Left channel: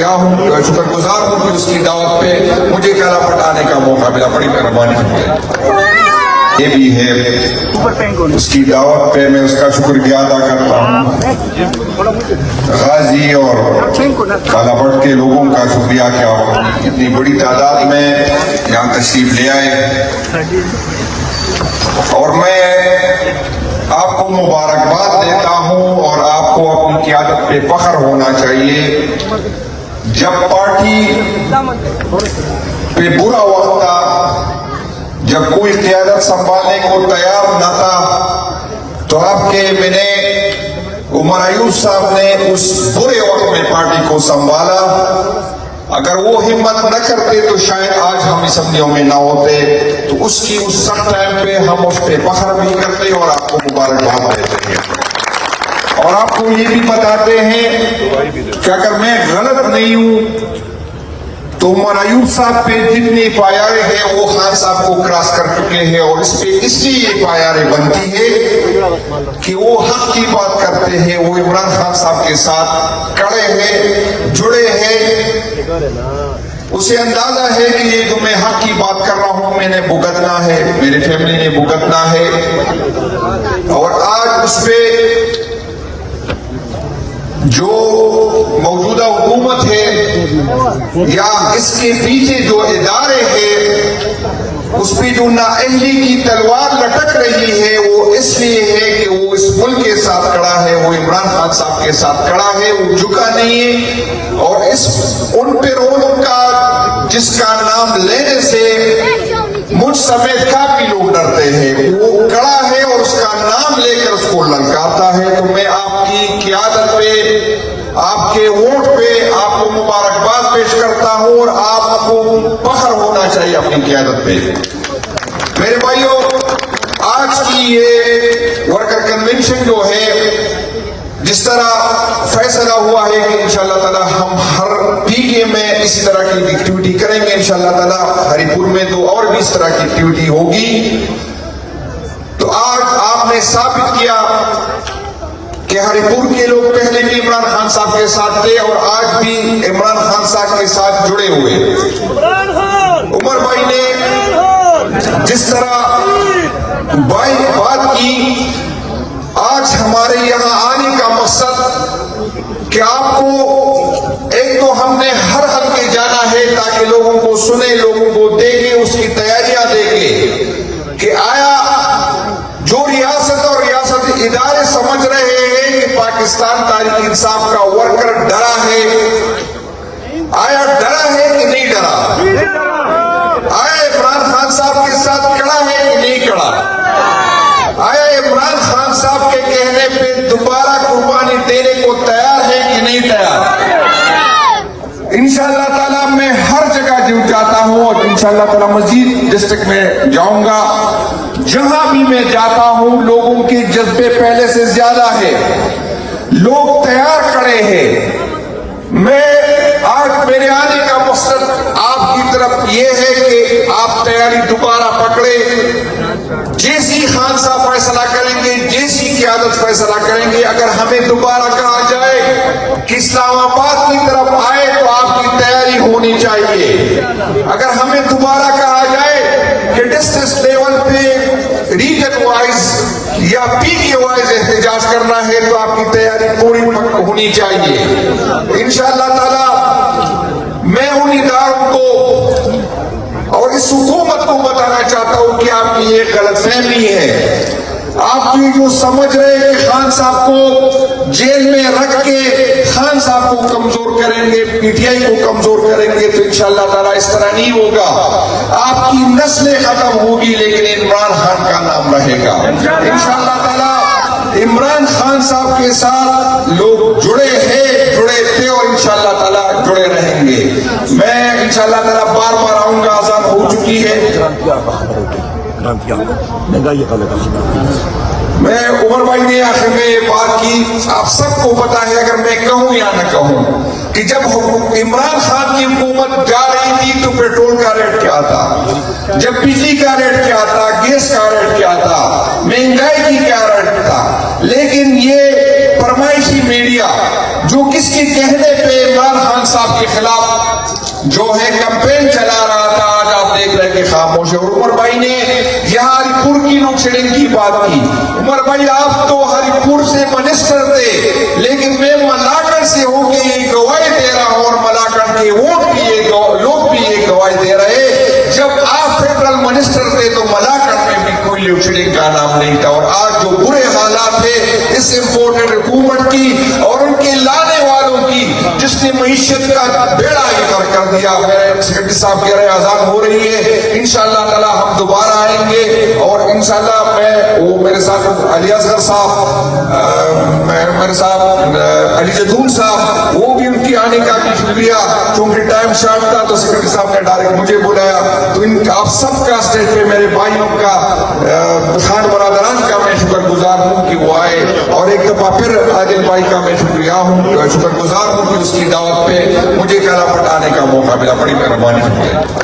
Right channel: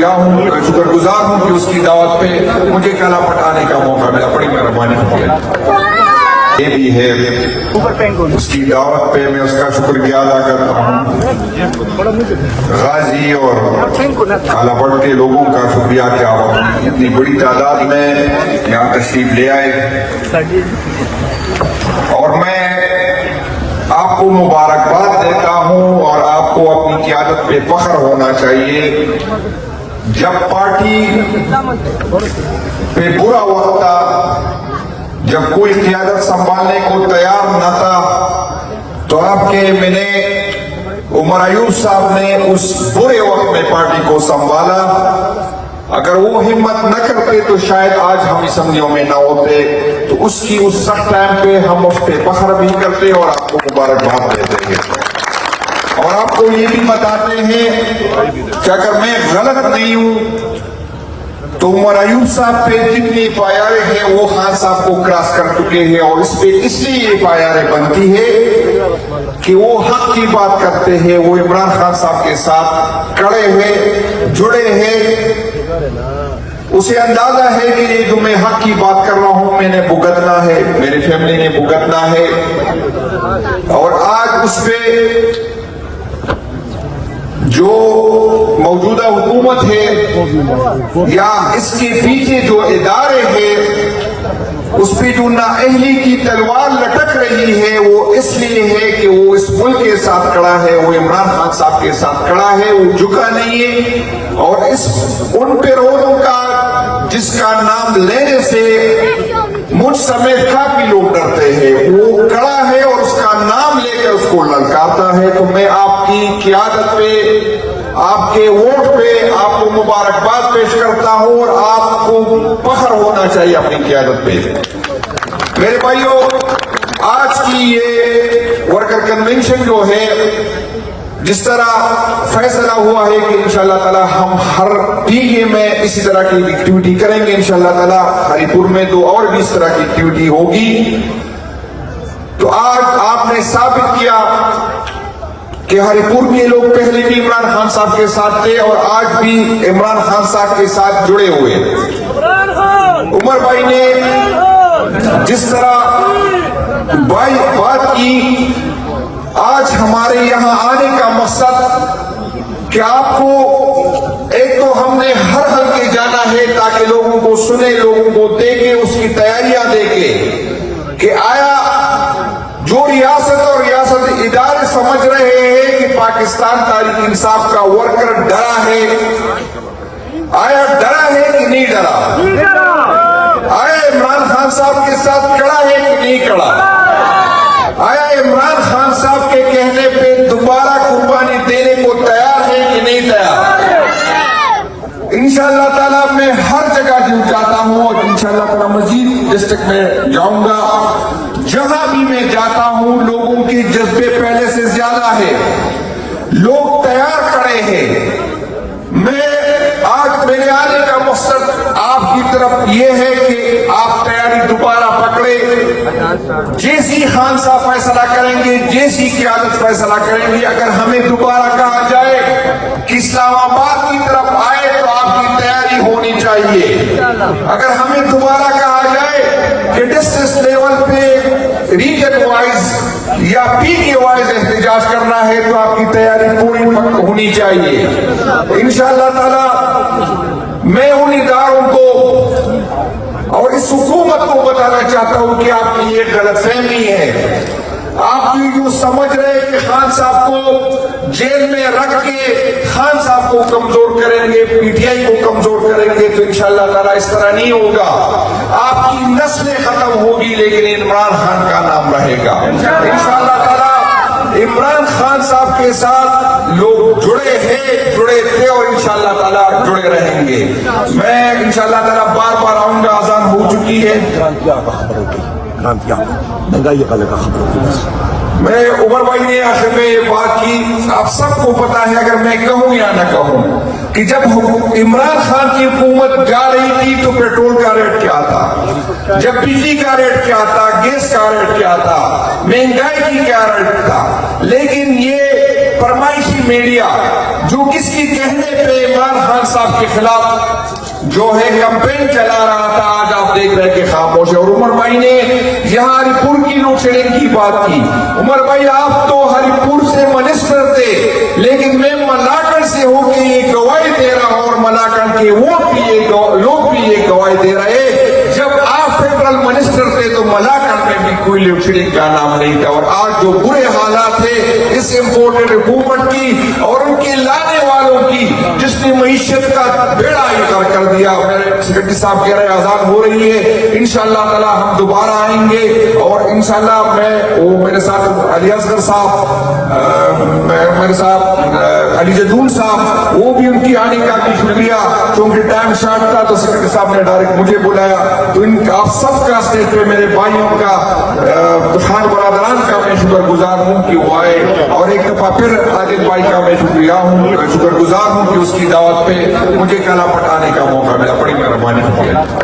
شکر گزار ہوں کہ اس کی دعوت پہ مجھے کالا پٹ آنے کا موقع ملا. بڑی مہربانی ہے. یہ بھی ہے اس کی دعوت پہ میں اس کا شکریہ ادا کرتا ہوں. غازی اور کالا پٹ کے لوگوں کا شکریہ کہ آپ اتنی بڑی تعداد میں یہاں تشریف لے آئے, اور میں آپ کو مبارکباد دیتا ہوں اور آپ کو اپنی قیادت پہ فخر ہونا چاہیے. جب پارٹی پہ برا وقت تھا, جب کوئی قیادت سنبھالنے کو تیار نہ تھا, تو آپ کے میں نے عمر ایوب صاحب نے اس برے وقت میں پارٹی کو سنبھالا. اگر وہ ہمت نہ کرتے تو شاید آج ہم اسمبلیوں میں نہ ہوتے. تو اس کی اس سخت ٹائم پہ ہم اس پہ فخر بھی کرتے اور آپ کو مبارکباد دیتے ہیں, اور آپ کو یہ بھی بتاتے ہیں کہ اگر میں غلط نہیں ہوں تو عمر ایوب صاحب پہ جتنے پایارے ہیں وہ خان صاحب کو کراس کر چکے ہیں, اور اس پہ اس لیے یہ پایارے بنتی ہے کہ وہ حق کی بات کرتے ہیں, وہ عمران خان صاحب کے ساتھ کڑے ہیں, جڑے ہیں. اسے اندازہ ہے کہ یہ جو میں حق کی بات کر رہا ہوں میں نے بھگتنا ہے, میرے فیملی نے بھگتنا ہے. اور آج اس پہ جو موجودہ حکومت ہے یا اس کے پیچھے جو ادارے ہیں اس پہ جو نااہلی کی تلوار لٹک رہی ہے وہ اس لیے ہے کہ وہ اس ملک کے ساتھ کھڑا ہے, وہ عمران خان صاحب کے ساتھ کھڑا ہے, وہ جھکا نہیں ہے. اور ان پیروکاروں کا جس کا نام لینے سے مجھ سمیت کافی لوگ ڈرتے ہیں, وہ کھڑا ہے اور اس کا نام لے کر اس کو للکارتا ہے. تو میں آپ کی قیادت پہ, آپ کے ووٹ پہ آپ کو مبارکباد پیش کرتا ہوں, اور آپ کو فخر ہونا چاہیے اپنی قیادت پہ. میرے بھائیوں, آج کی یہ ورکر کنونشن جو ہے, جس طرح فیصلہ ہوا ہے کہ انشاءاللہ تعالی ہم ہر ٹیکے میں اسی طرح کی ایکٹیویٹی کریں گے انشاءاللہ تعالی. ہری پور میں تو اور بھی اس طرح کی ایکٹیویٹی ہوگی. تو آج آپ نے ثابت کیا کہ ہری پور کے لوگ پہلے بھی عمران خان صاحب کے ساتھ تھے اور آج بھی عمران خان صاحب کے ساتھ جڑے ہوئے. عمر بھائی نے جس طرح بات کی, آج ہمارے یہاں آنے کا مقصد کہ آپ کو ایک تو ہم نے ہر حلقے جانا ہے تاکہ لوگوں کو سنے, لوگوں کو دیکھے, اس کی تیاریاں دیکھے کہ آیا جو ریاست اور ریاست ادارے سمجھ رہے ہیں کہ پاکستان تحریک انصاف کا ورکر ڈرا ہے, آیا ڈرا ہے کہ نہیں ڈرا, آیا عمران خان صاحب کے ساتھ کھڑا ہے کہ نہیں کھڑا, آیا عمران خان صاحب کے کہنے پہ دوبارہ قربانی دینے کو تیار ہے کہ نہیں تیار. انشاءاللہ تعالیٰ میں ہر جگہ جاتا ہوں اور انشاءاللہ تعالیٰ مزید ڈسٹرکٹ میں جاؤں گا. جہاں بھی میں جاتا ہوں لوگوں کے جذبے پہلے سے زیادہ ہے, لوگ تیار کھڑے ہیں. میں آج میرے آنے کا مقصد آپ کی طرف یہ ہے کہ آپ تیاری دوبارہ پکڑے. جیسی خان صاحب فیصلہ کریں گے, جیسی قیادت فیصلہ کریں گے, اگر ہمیں دوبارہ کہا جائے کہ اسلام آباد کی طرف آئے تو آپ کی تیاری ہونی چاہیے. اگر ہمیں دوبارہ کہا جائے کہ ڈسٹرکٹ لیول پہ ریجن وائز یا پی کے وائز احتجاج کرنا ہے تو آپ کی تیاری پوری ہونی چاہیے. انشاءاللہ تعالی میں ان اداروں کو اور اس حکومت کو بتانا چاہتا ہوں کہ آپ کی یہ غلط فہمی ہے. آپ کی جو سمجھ رہے ہیں کہ خان صاحب کو جیل میں رکھ کے خان صاحب کو کمزور کریں گے, پی ٹی آئی کو کمزور کریں گے, تو انشاءاللہ تعالیٰ اس طرح نہیں ہوگا. آپ کی نسلیں ختم ہوگی لیکن عمران خان کا نام رہے گا. انشاءاللہ تعالیٰ عمران خان صاحب کے ساتھ لوگ جڑے ہیں, جڑے تھے اور انشاءاللہ تعالیٰ جڑے رہیں گے. میں انشاءاللہ تعالیٰ بار بار آؤں گا, آزان ہو چکی ہے. میں عمر بھائی نے آخر میں یہ بات کی, آپ سب کو پتا ہے اگر میں کہوں یا نہ کہوں کہ جب عمران خان کی حکومت جا رہی تھی تو پیٹرول کا ریٹ کیا تھا, جب بجلی کا ریٹ کیا تھا, گیس کا ریٹ کیا تھا, مہنگائی کی کیا ریٹ تھا. لیکن یہ فرمائشی میڈیا جو کس کے کہنے پہ عمران خان صاحب کے خلاف جو ہے کمپین چلا رہا تھا، آج آپ دیکھ رہے ہیں کہ خاموش ہے. اور عمر بھائی نے یہاں ہری پور کی لوڈ شیڈنگ کی بات کی. عمر بھائی آپ تو ہری پور سے منسٹر تھے، لیکن میں ملاکنڈ سے ہو کے یہ گواہی دے رہا ہوں، اور ملاکنڈ کے ووٹ بھی یہ لوگ بھی یہ گواہی دے رہے، جب آپ فیڈرل منسٹر تھے تو ملاکنڈ میں بھی کوئی لوڈ شیڈنگ کا نام نہیں تھا. اور آج جو برے حالات تھے اس امپورٹڈ حکومت کی اور ان کے لانے والوں کی، جس نے معیشت کا بیڑا ہی کر کر دیا. میرے سیکرٹری صاحب کہہ رہے اذان ہو رہی ہے، انشاءاللہ تعالی ہم دوبارہ آئیں گے. اور انشاءاللہ میرے ساتھ علی اصغر صاحب، میرے ساتھ علی جدون صاحب، وہ بھی ان کی آنے کا بھی شکریہ. چونکہ ٹائم شارٹ تھا تو سیکرٹری صاحب نے ڈائریکٹ مجھے بلایا. تو ان کا آپ سب کا اسٹیج پہ میرے بھائیوں کا، خان برادران کا میں شکر گزار ہوں کہ وہ آئے. اور ایک دفعہ پھر عادل بھائی کا میں شکر گزار ہوں کہ اس کی دعوت پہ مجھے کالا پٹانے کا موقع ملا. بڑی مہربانی.